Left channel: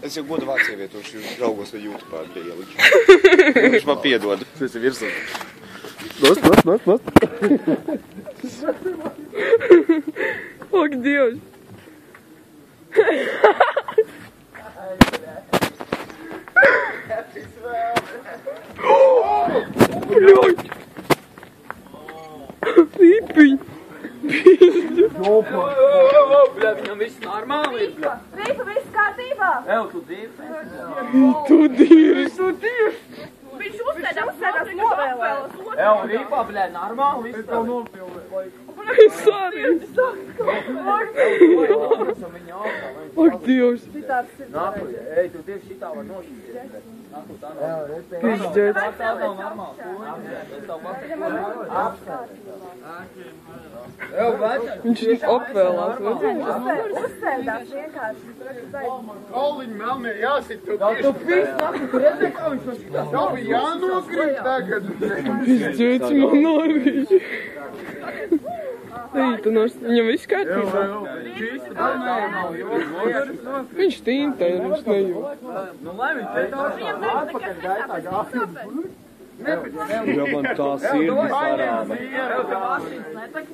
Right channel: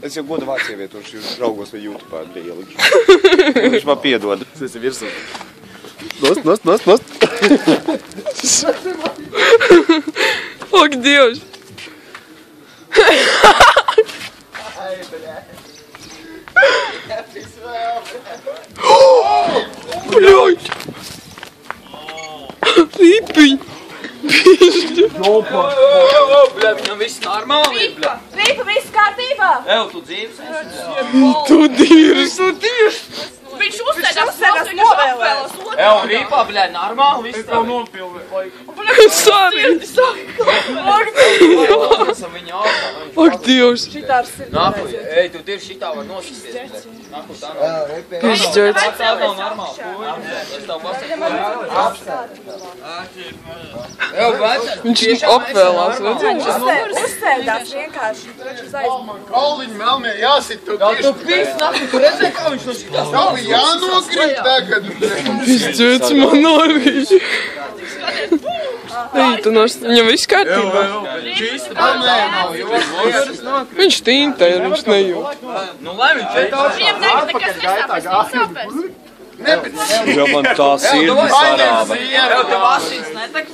Es jau godu vārds ievietošu draugos vai YouTube bija ielikšu. Viņš man piedod. Tas ir virsū. Nost. Ak, Dievs! Bļoļ! Ripiņ! Pišķi! Bļa, viņam viss normāli ir, bļa. Ripa, viss kārtībā! Ev, tu dzīves esi? Tu dīrs! Viņš uzsēdās novēlēs. Ev, Rīpā, bļa, normāli viss tev. Sorry! Esam viņu ārā. Ak, Dievs! Nāku, ej, tu tieši šitā var nosisties, bļa. Nāku tā nav. Pišķots! Tā nav normāli. Es tev pasaku. Ev, vecā. Viņš apvēlās, redzēs? Uzsēdās vienkārši. Kauliņi melnie jāsit tu Jā, tu pīs, nāku, tu redzēji, kā viņš no šitās Tev bija jānokrīt tagad. Pišķots man arī! Ej, tu viņam viss kārtībā? Viņš tīntē, viņš nejūt. Nu, lai viņš šeit Viņam nekas nesāpēs. Jo man tā sirds sarāva. Ev, tev asins netek.